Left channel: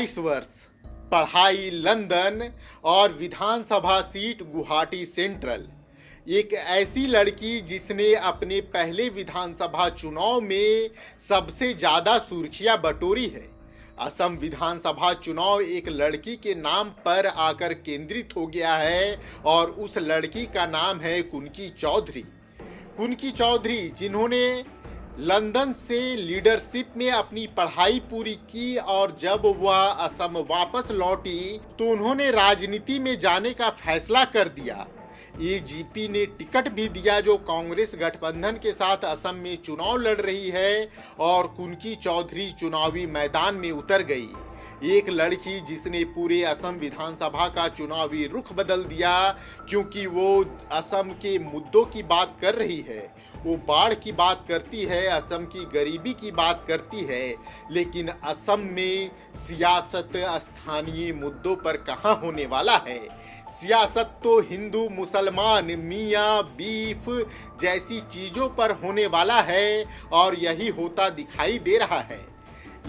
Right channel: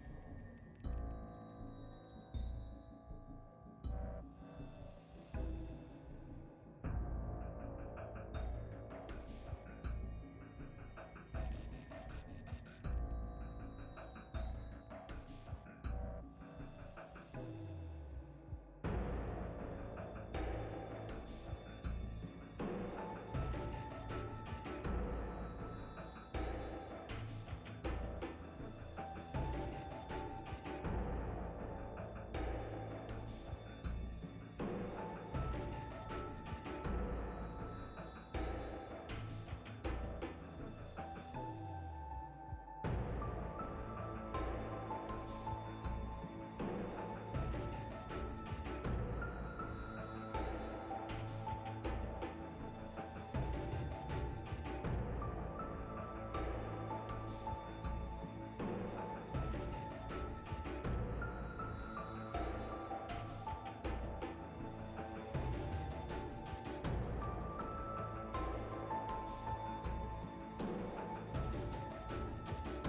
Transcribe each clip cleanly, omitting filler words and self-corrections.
22 वर्ष, पढ़ाई लंदन और विधानसभा सीट गुवाहाटी सेंट्रल। एक ऐसी लड़की जिसने अपने पहले विधानसभा चुनाव में सबसे ज्यादा सुर्खियां बटोरी है। असम विधानसभा चुनाव एक लड़की के नाम पर आकर केंद्रित हो गया है और उस लड़की का नाम है कुनकी चौधरी। कुनकी चौधरी जिन्होंने लंदन से लीडरशिप में अपनी पढ़ाई पूरी की और जब वह असम वापस लौटी तो उन्होंने राजनीति में जाने का फैसला कर दिया। एजीपी ने टिकट भी दिया जो कांग्रेस गठबंधन के साथ असम में चुनाव लड़ रही है और कुनकी चौधरी चुनावी मैदान में उतर गई। एक लड़की जिसने पूरे असम विधानसभा का चुनावी रुख बदल दिया, क्योंकि वो असम के मुद्दों की बात कर रही है। वो बाढ़ की बात करती है, असम की गरीबी की बात करती है, लेकिन असम में सियासत स्थानीय मुद्दों पर कहाँ होने वाला है। सियासत तो हिंदू मुसलमान मियाँ बीफ जैसी चीजों पर होने वाला है और यही होता दिखाई दे रहा है।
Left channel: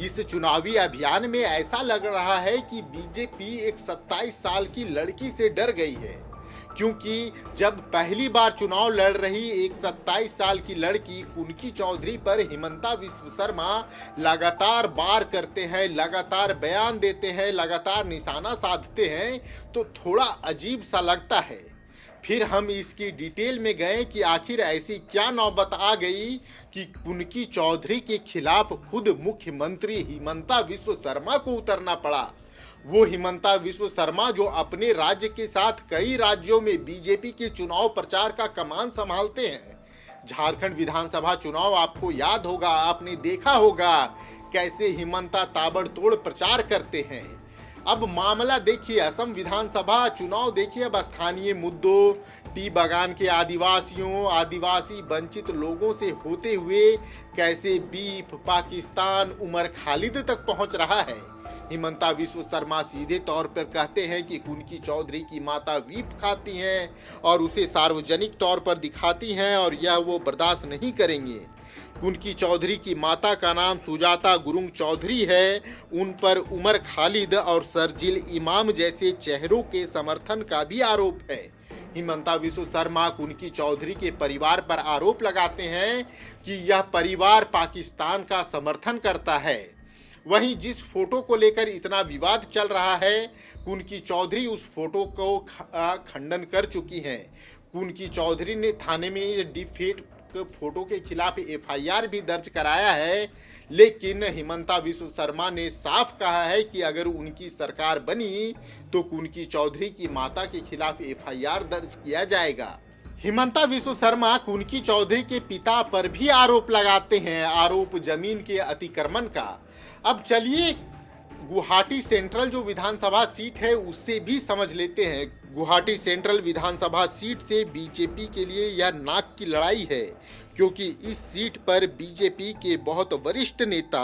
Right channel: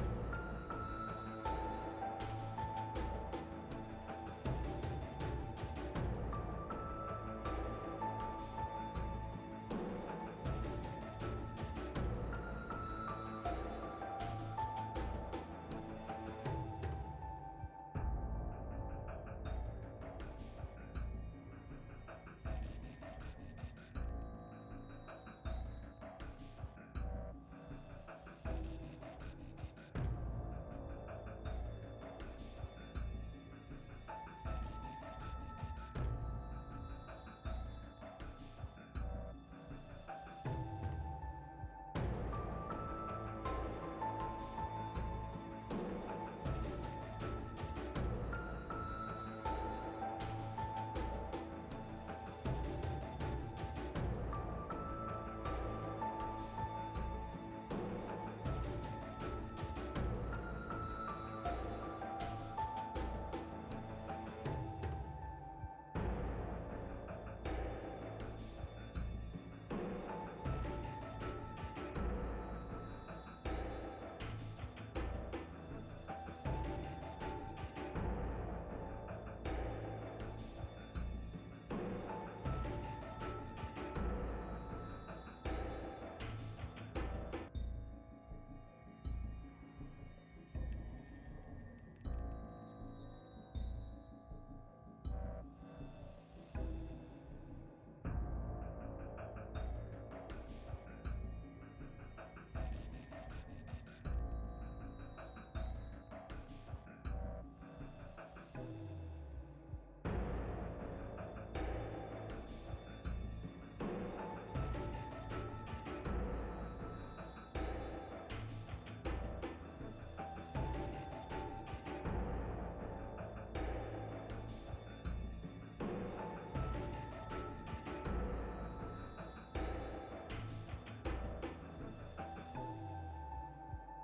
इस चुनावी अभियान में ऐसा लग रहा है कि बीजेपी एक 27 साल की लड़की से डर गई है, क्योंकि जब पहली बार चुनाव लड़ रही एक 27 साल की लड़की कुनकी चौधरी पर हिमंता विश्व शर्मा लगातार वार करते हैं, लगातार बयान देते हैं, लगातार निशाना साधते हैं, तो थोड़ा अजीब सा लगता है। फिर हम इसकी डिटेल में गए कि आखिर ऐसी क्या नौबत आ गई कि कुनकी चौधरी के खिलाफ खुद मुख्यमंत्री हिमंता विश्व शर्मा को उतरना पड़ा। वो हिमंता विश्व शर्मा जो अपने राज्य के साथ कई राज्यों में बीजेपी के चुनाव प्रचार का कमान संभालते हैं। झारखंड विधानसभा चुनाव आपको याद होगा, आपने देखा होगा कैसे हिमंता ताबड़तोड़ प्रचार करते हैं। अब मामला देखिए, असम विधानसभा चुनाव देखिए, अब स्थानीय मुद्दों, टी बागान के आदिवासियों, आदिवासी वंचित लोगों से होते हुए कैसे बीफ पाकिस्तान उमर खालिद तक पहुंच रहा है। हिमंता विश्व शर्मा सीधे तौर पर कहते हैं कि कुनकी चौधरी की माता बीफ खाती हैं और उसे सार्वजनिक तौर पर दिखाती हैं और यह वो बर्दाश्त नहीं करेंगे। कुनकी चौधरी की माता का नाम सुजाता गुरुंग चौधरी है। उन पर उमर खालिद और शर्जील इमाम जैसे चेहरों के समर्थन का भी आरोप है। हिमंता विश्व शर्मा कुनकी चौधरी के परिवार पर आरोप लगाते हैं कि यह परिवार पाकिस्तान का समर्थन करता है। वहीं जिस फोटो को लेकर इतना विवाद चल रहा है, कुनकी चौधरी उस फोटो को खंडन कर चुकी हैं। कुनकी चौधरी ने थाने में डिफेट फोटो के खिलाफ एफआईआर भी दर्ज कराया है, लेकिन हिमंता विश्व शर्मा ने साफ कहा है कि अगर उनकी सरकार बनी तो कुनकी चौधरी की माता के खिलाफ एफआईआर दर्ज किया जाएगा। हिमंता विश्व शर्मा कुनकी चौधरी के पिता पर भी आरोप लगाते हैं, आरोप जमीन के अतिक्रमण का। अब चलिए गुवाहाटी सेंट्रल जो विधानसभा सीट है उससे भी समझ लेते हैं। गुवाहाटी सेंट्रल विधानसभा सीट से बीजेपी के लिए यह नाक की लड़ाई है, क्योंकि इस सीट पर बीजेपी के बहुत वरिष्ठ नेता,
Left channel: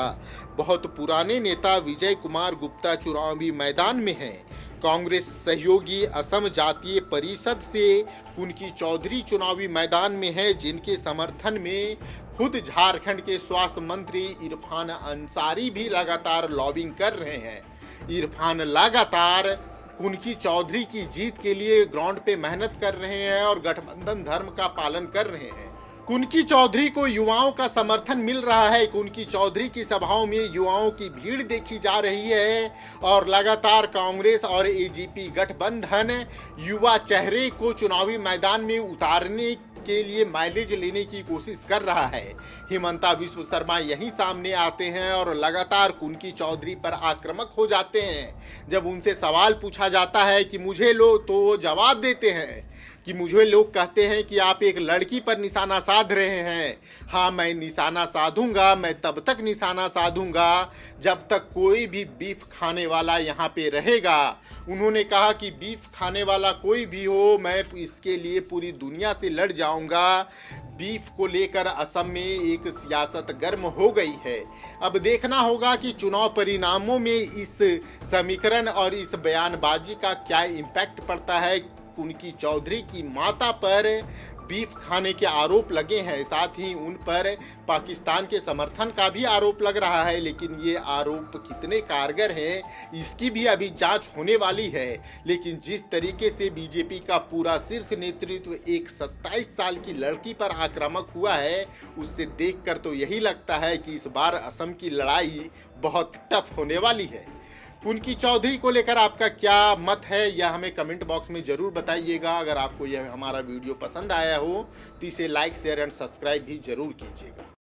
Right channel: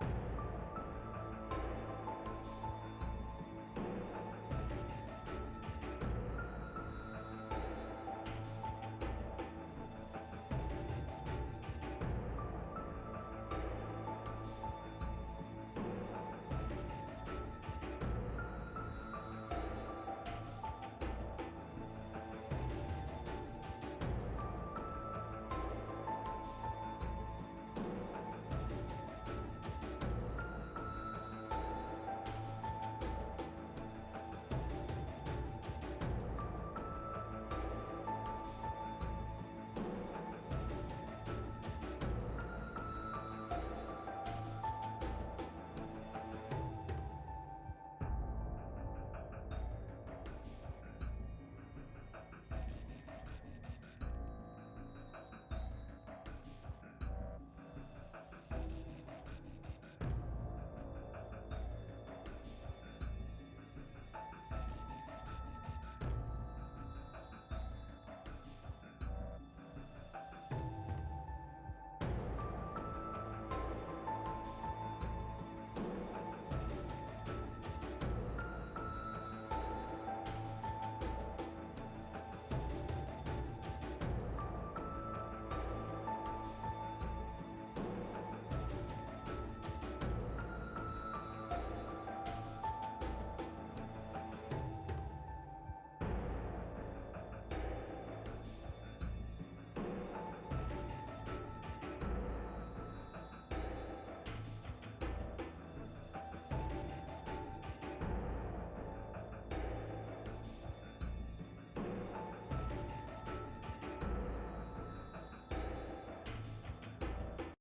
बहुत पुराने नेता विजय कुमार गुप्ता चुनावी मैदान में हैं। कांग्रेस सहयोगी असम जातीय परिषद से कुनकी चौधरी चुनावी मैदान में है, जिनके समर्थन में खुद झारखंड के स्वास्थ्य मंत्री इरफान अंसारी भी लगातार लॉबिंग कर रहे हैं। इरफान लगातार कुनकी चौधरी की जीत के लिए ग्राउंड पे मेहनत कर रहे हैं और गठबंधन धर्म का पालन कर रहे हैं। कुनकी चौधरी को युवाओं का समर्थन मिल रहा है। कुनकी चौधरी की सभाओं में युवाओं की भीड़ देखी जा रही है और लगातार कांग्रेस और एजीपी गठबंधन युवा चेहरे को चुनावी मैदान में उतारने के लिए माइलेज लेने की कोशिश कर रहा है। हिमंता विश्व शर्मा यही सामने आते हैं और लगातार कुनकी चौधरी पर आक्रामक हो जाते हैं। जब उनसे सवाल पूछा जाता है कि मुझे लो, तो वो जवाब देते हैं कि मुझे लोग कहते हैं कि आप एक लड़की पर निशाना साध रहे हैं। हाँ, मैं निशाना साधूंगा, मैं तब तक निशाना साधूंगा जब तक कोई भी बीफ खाने वाला यहाँ पे रहेगा। उन्होंने कहा कि बीफ खाने वाला कोई भी हो, मैं इसके लिए पूरी दुनिया से लड़ जाऊंगा। बीफ को लेकर असम में एक सियासत गर्म हो गई है। अब देखना होगा कि चुनाव परिणामों में इस समीकरण और इस बयानबाजी का क्या इम्पैक्ट पड़ता है। कुनकी चौधरी की माता पर बीफ खाने के आरोप लगे हैं। साथ ही उन पर पाकिस्तान के समर्थन का भी आरोप लग रहा है, लेकिन ये आरोप कितने कारगर हैं इसकी भी अभी जांच होने वाली है। लेकिन जिस तरीके से बीजेपी का पूरा शीर्ष नेतृत्व एक 27 साल की लड़की पर आक्रामक हुआ है, उससे देखकर तो यही लगता है कि इस बार असम की लड़ाई बहुत टफ होने वाली है। उनकी चौधरी को लेकर आपका क्या मत है यह हमें कमेंट बॉक्स में जरूर बताइएगा। अगर आपको यह हमारा वीडियो पसंद आया हो तो इसे लाइक शेयर एंड सब्सक्राइब भी जरूर कीजिएगा।